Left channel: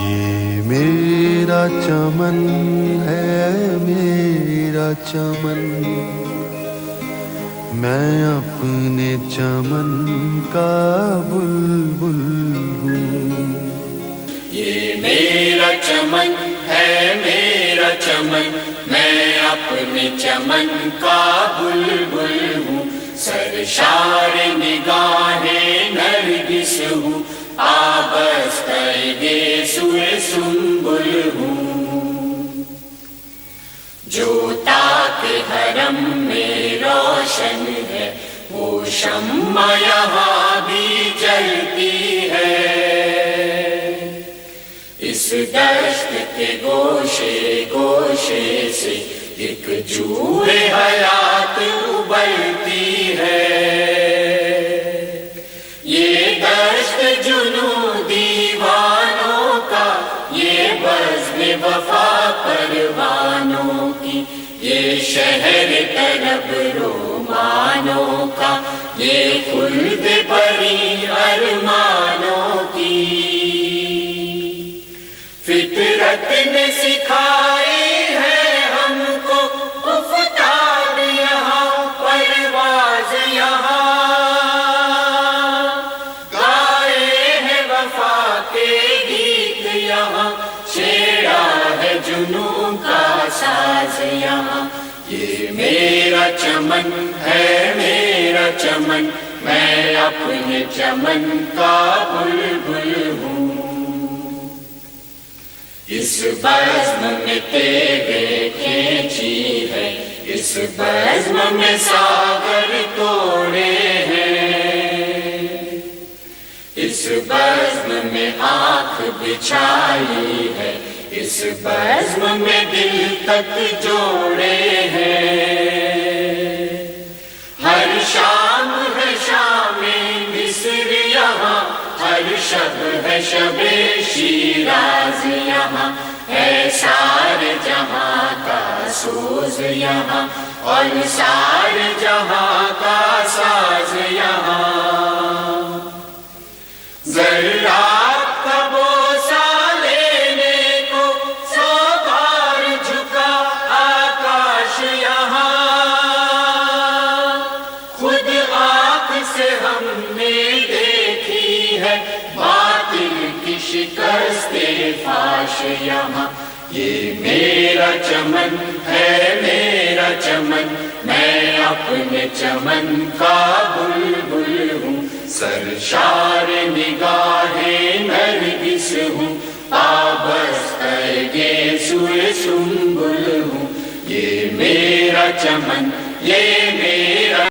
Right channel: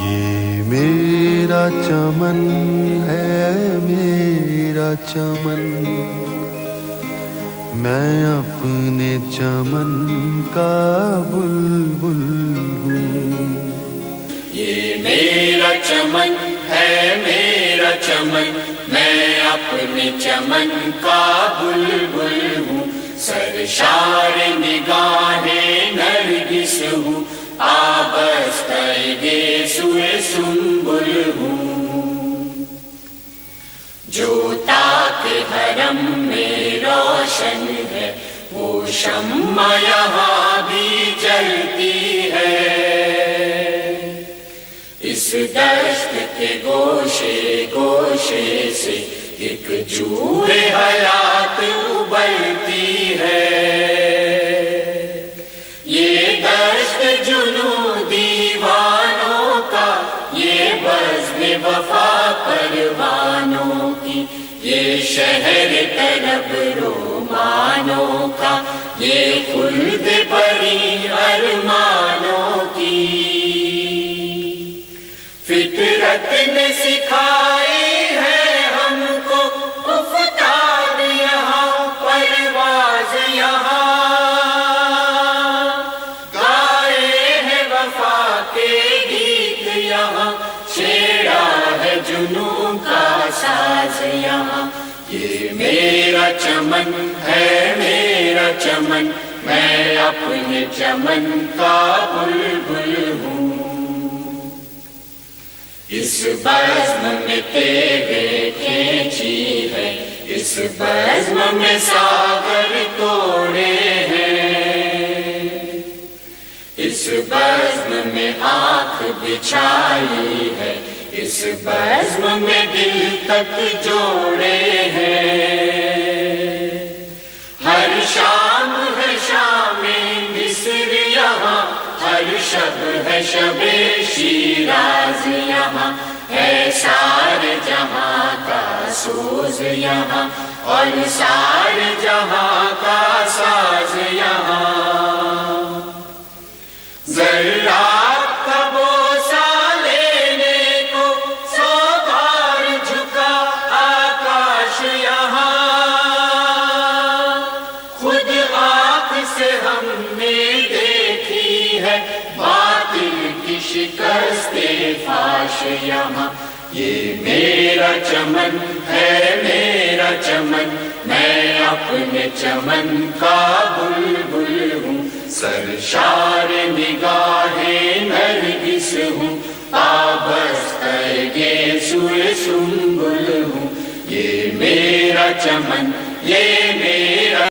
یہ میرا چمن ہے، میرا چمن، میں اپنے چمن کا بلبل ہوں۔ یہ میرا چمن ہے، میرا چمن، میں اپنے چمن کا بلبل ہوں۔ سرشار نگاہیں نرگس ہوں، آبستہ گیسوئے سنبل ہوں۔ جو طاق حرم میں روشن ہے، وہ شمع یہاں بھی جلتی ہے۔ اس دشت کے گوشے گوشے سے ایک جوہ حیات ابلتی ہے۔ یہ دشت جنوں دیوانوں کا، یہ بزم وفا پروانوں کی، یہ شہر طرب رومانوں کا، یہ خلد بری ارمانوں کی۔ فطرت نے سکھائی ہے ہم کو افتاد یہاں، پرواز یہاں، گائے ہیں وفا کے گیت یہاں، چھیڑا ہے جنوں کا ساز یہاں۔ یہ میرا چمن ہے، میرا چمن، میں اپنے چمن کا بلبل ہوں۔ اس بزم میں تیغیں کھینچی ہے، اس بزم میں ساغر توڑے ہیں، اس بزم میں آنکھ بچھائی ہے، اس بزم میں دل تک جوڑے ہیں۔ ہر شام ہے شام مصر یہاں، ہر شب ہے شب شیراز یہاں، ہے سارے جہاں کا سوز یہاں، اور سارے جہاں کا ساز یہاں۔ ذرات کا بوسہ لینے کو سو بار جھکا آکاش یہاں، خود آنکھ سے ہم نے دیکھی ہے باطل کی شکست فاش یہاں۔ یہ میرا چمن ہے، میرا چمن، میں اپنے چمن کا بلبل ہوں۔ سرشار نگاہیں نرگس ہوں، آبستہ گیسوئے سنبل ہوں۔ یہ میرا چمن، یہ میرا